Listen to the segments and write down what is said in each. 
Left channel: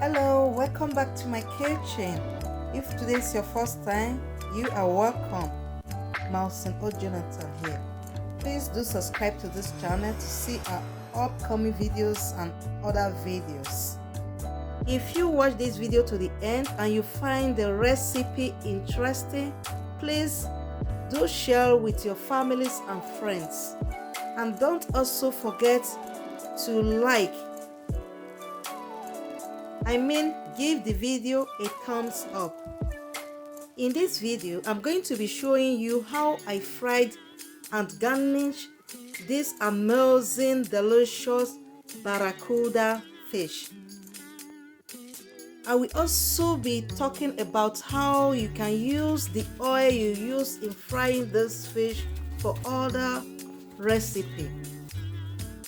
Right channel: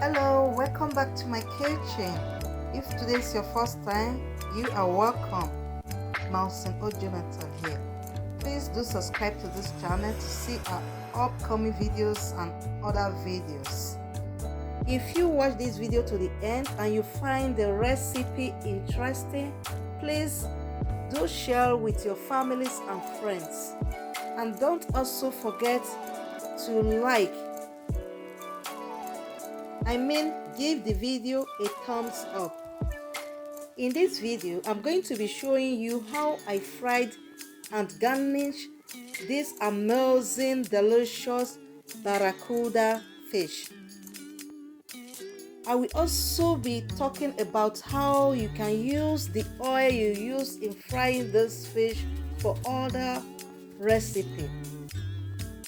Hello, welcome back to my kitchen. If today is your first time, you are welcome. Mountain O Jonathan here. Please do subscribe to this channel to see our upcoming videos and other videos. If you watch this video to the end and you find the recipe interesting, please do share with your families and friends. And don't also forget to give the video a thumbs up. In this video, I'm going to be showing you how I fried and garnished this amazing, delicious Barracuda fish. I will also be talking about how you can use the oil you use in frying this fish for other recipe.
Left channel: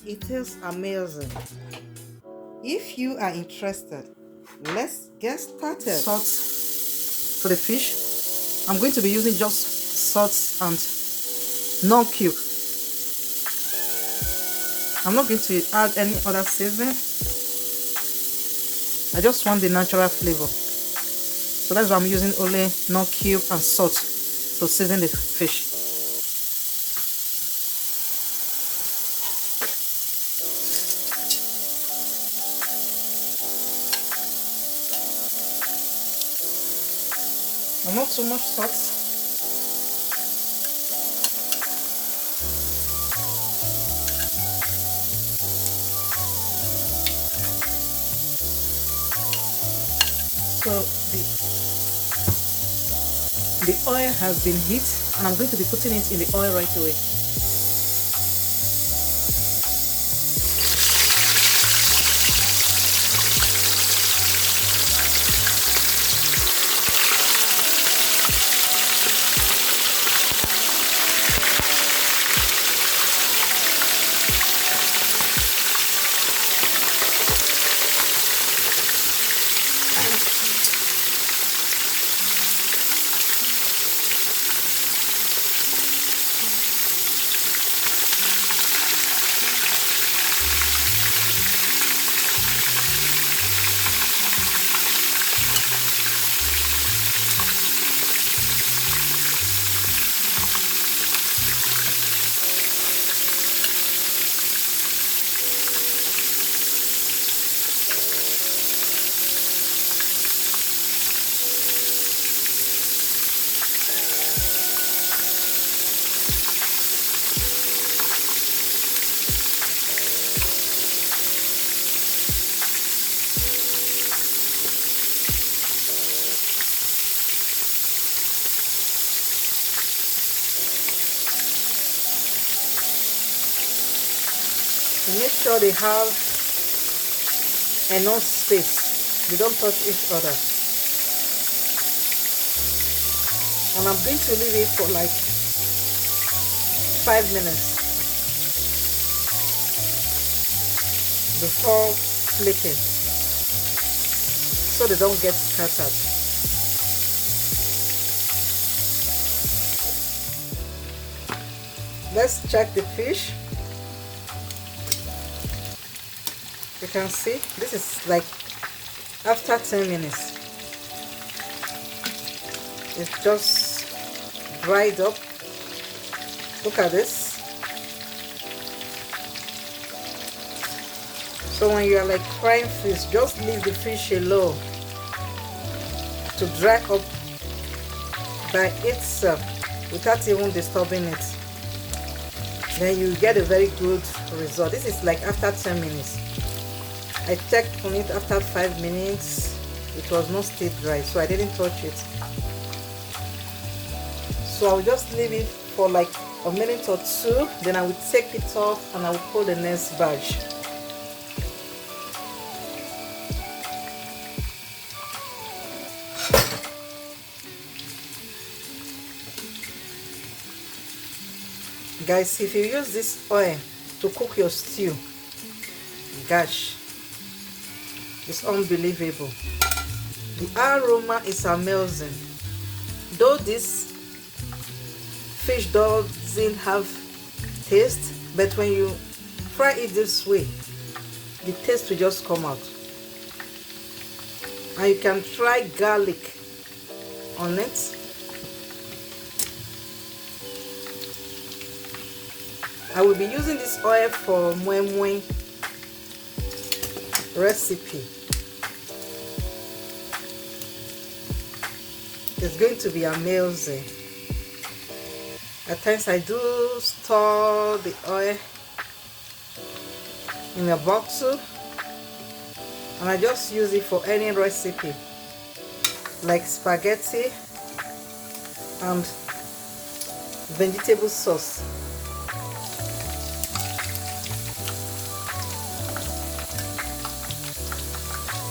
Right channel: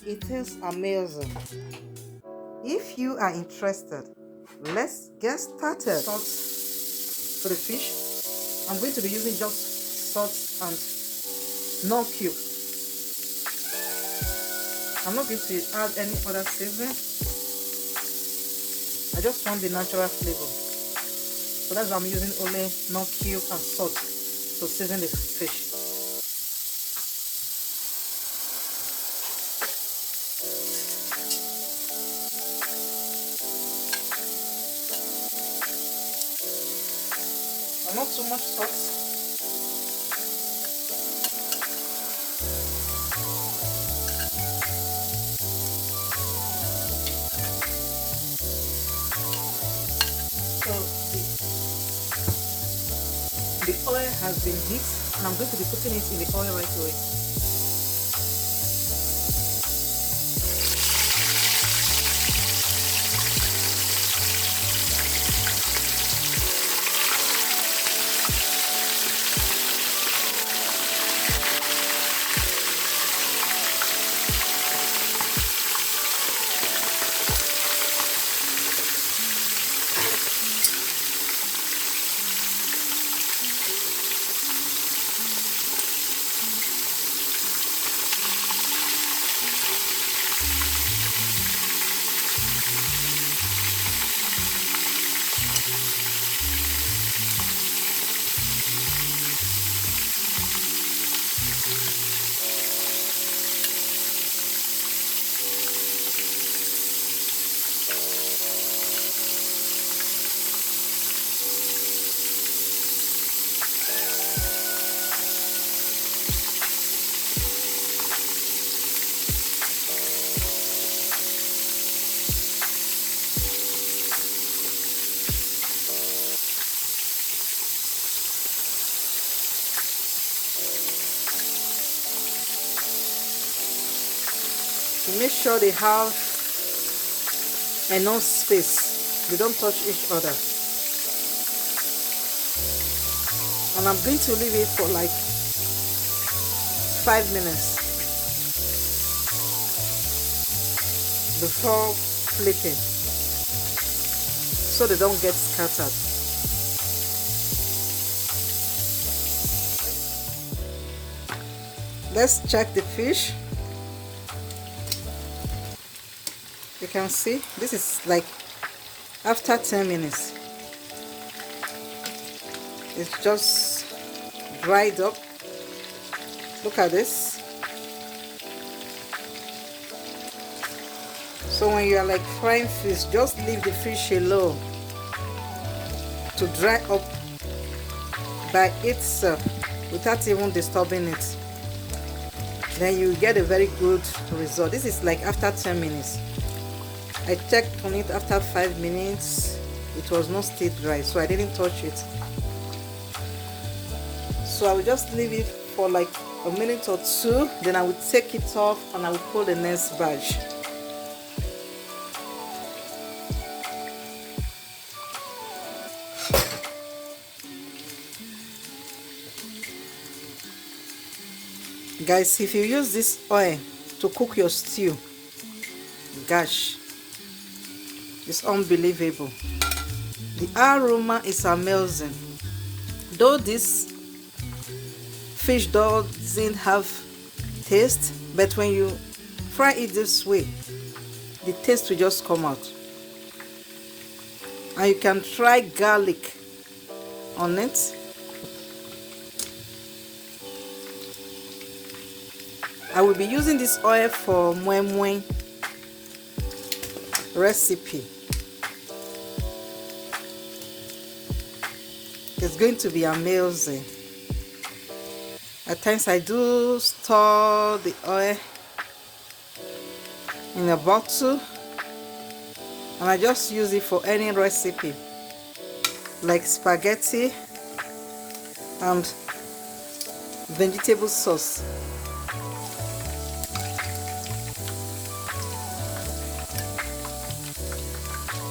It is amazing. If you are interested, let's get started. Salt for the fish. I'm going to be using just salt and no cube. I'm not going to add any other seasoning. I just want the natural flavor. So that's why I'm using only no cube and salt to season the fish. Not too much salt. So the oil has been heated and I'm going to be putting it in the oil right away. And make sure they have enough space. They don't touch each other. And I'm going to leave it for like 5 minutes before flipping, so they don't get scattered. Let's check the fish. You can see this is like after 10 minutes. It's just dried up. Look at this. So when you are like frying fish, just leave the fish alone to dry up by itself without even disturbing it. Then you get a very good result. This is like after 10 minutes. I checked on it after 5 minutes. It was not still dry, so I didn't touch it. So I will just leave it for like a minute or two. Then I will take it off and I will pull the next batch. Guys, if you use this oil to cook your stew, gosh, it's unbelievable. The aroma is amazing. Though this fish doesn't have taste, but when you fry it this way, the taste will just come out. and you can try garlic on it. I will be using this oil for moi moi recipe. It's going to be amazing. At times I do store the oil in a bottle and I just use it for any recipe like spaghetti and vegetable sauce.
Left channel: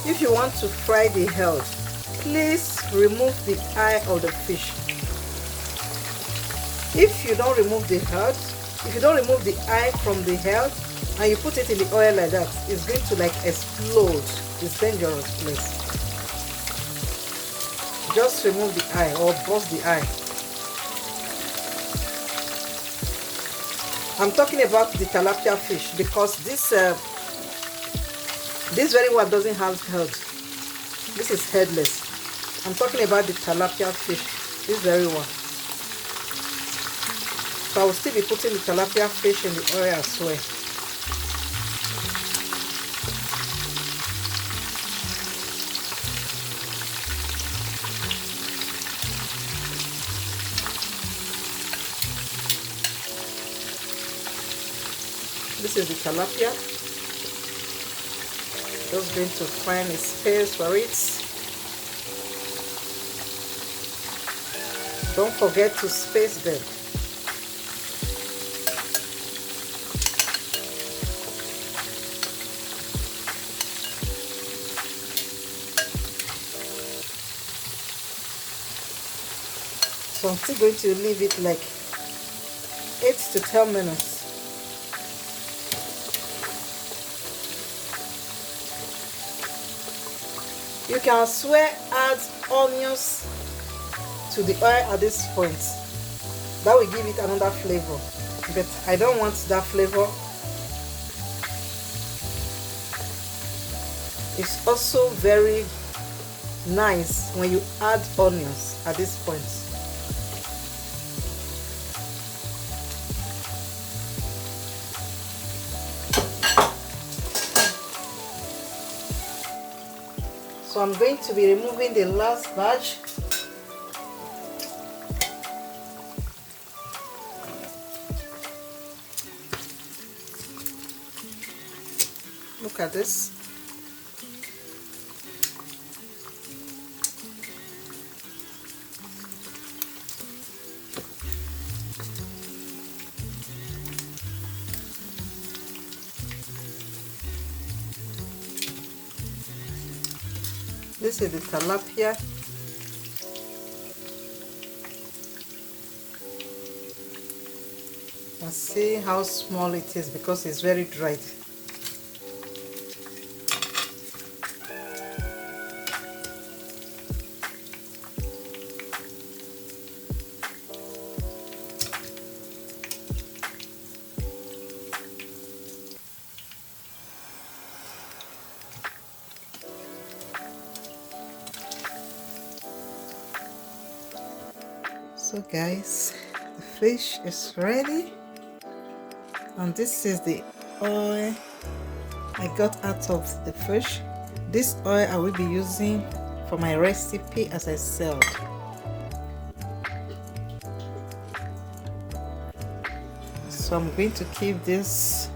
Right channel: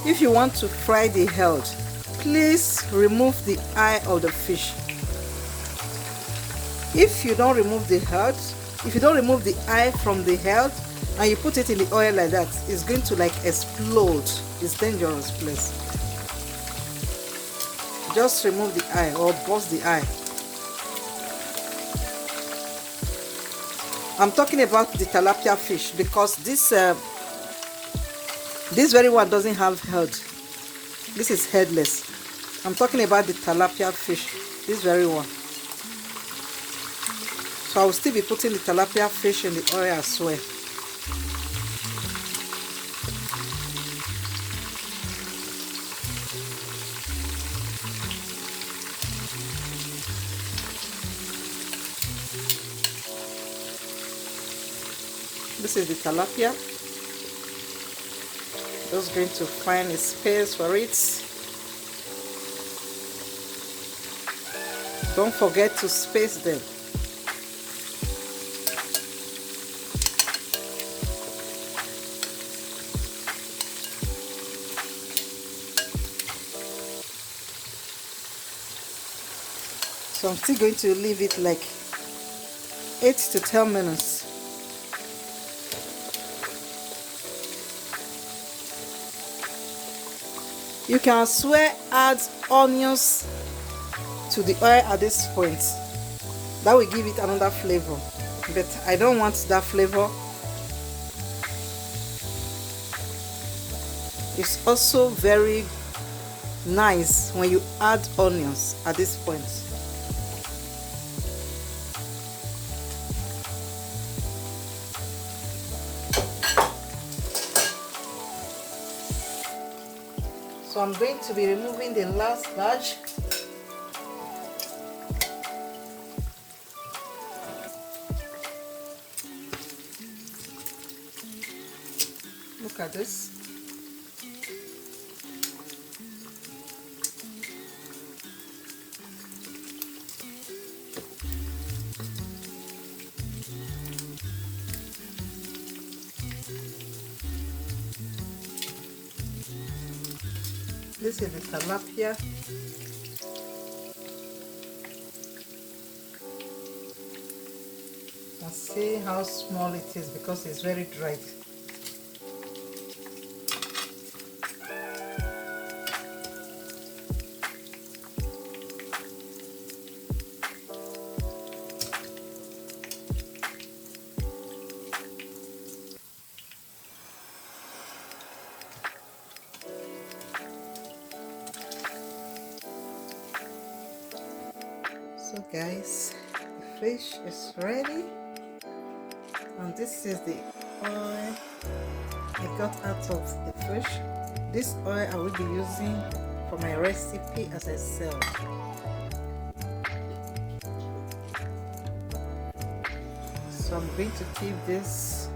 If you want to fry the head, please remove the eye of the fish. If you don't remove the head, if you don't remove the eye from the head and you put it in the oil like that, it's going to like explode. It's dangerous, please. Just remove the eye or bust the eye. I'm talking about the tilapia fish because this very one doesn't have head. This is headless. I'm talking about the tilapia fish, this very one. So I will still be putting the tilapia fish in the oil as well. This is the tilapia. Just going to find a space for it. Don't forget to space them. So I'm still going to leave it like 8 to 10 minutes. You can as well add onions to the oil at this point. That will give it another flavor. But I don't want that flavor. It's also very nice when you add onions at this point. So I'm going to be removing the last batch. Look at this. This is the tilapia. And see how small it is because it's very dried. So guys, the fish is ready, and this is the oil I got out of the fish. This oil I will be using for my recipe as I said. So I'm going to keep this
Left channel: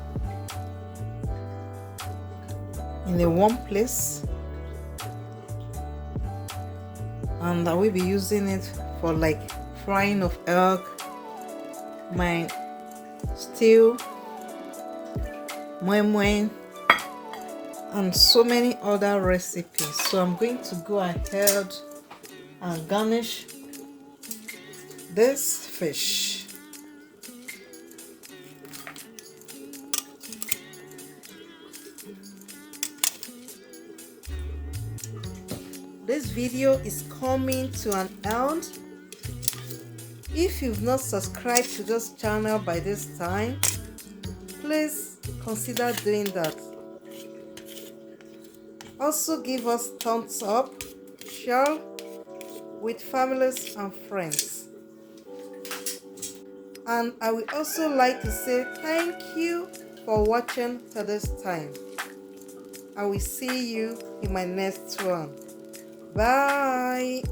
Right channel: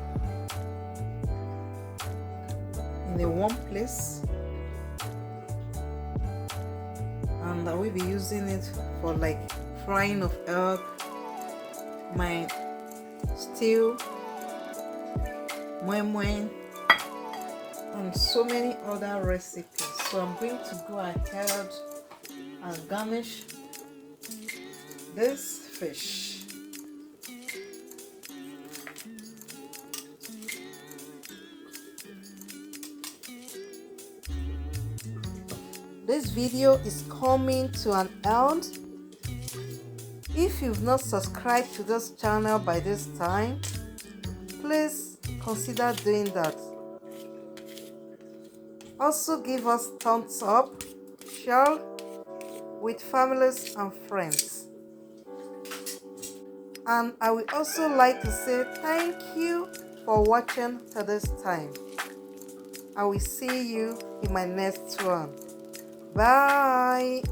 in a warm place, and I will be using it for like frying of egg, my stew, moi moi, and so many other recipes. So I'm going to go ahead and garnish this fish. This video is coming to an end. If you've not subscribed to this channel by this time, please consider doing that. Also give us thumbs up, share with families and friends. And I would also like to say thank you for watching to this time. I will see you in my next one. Bye.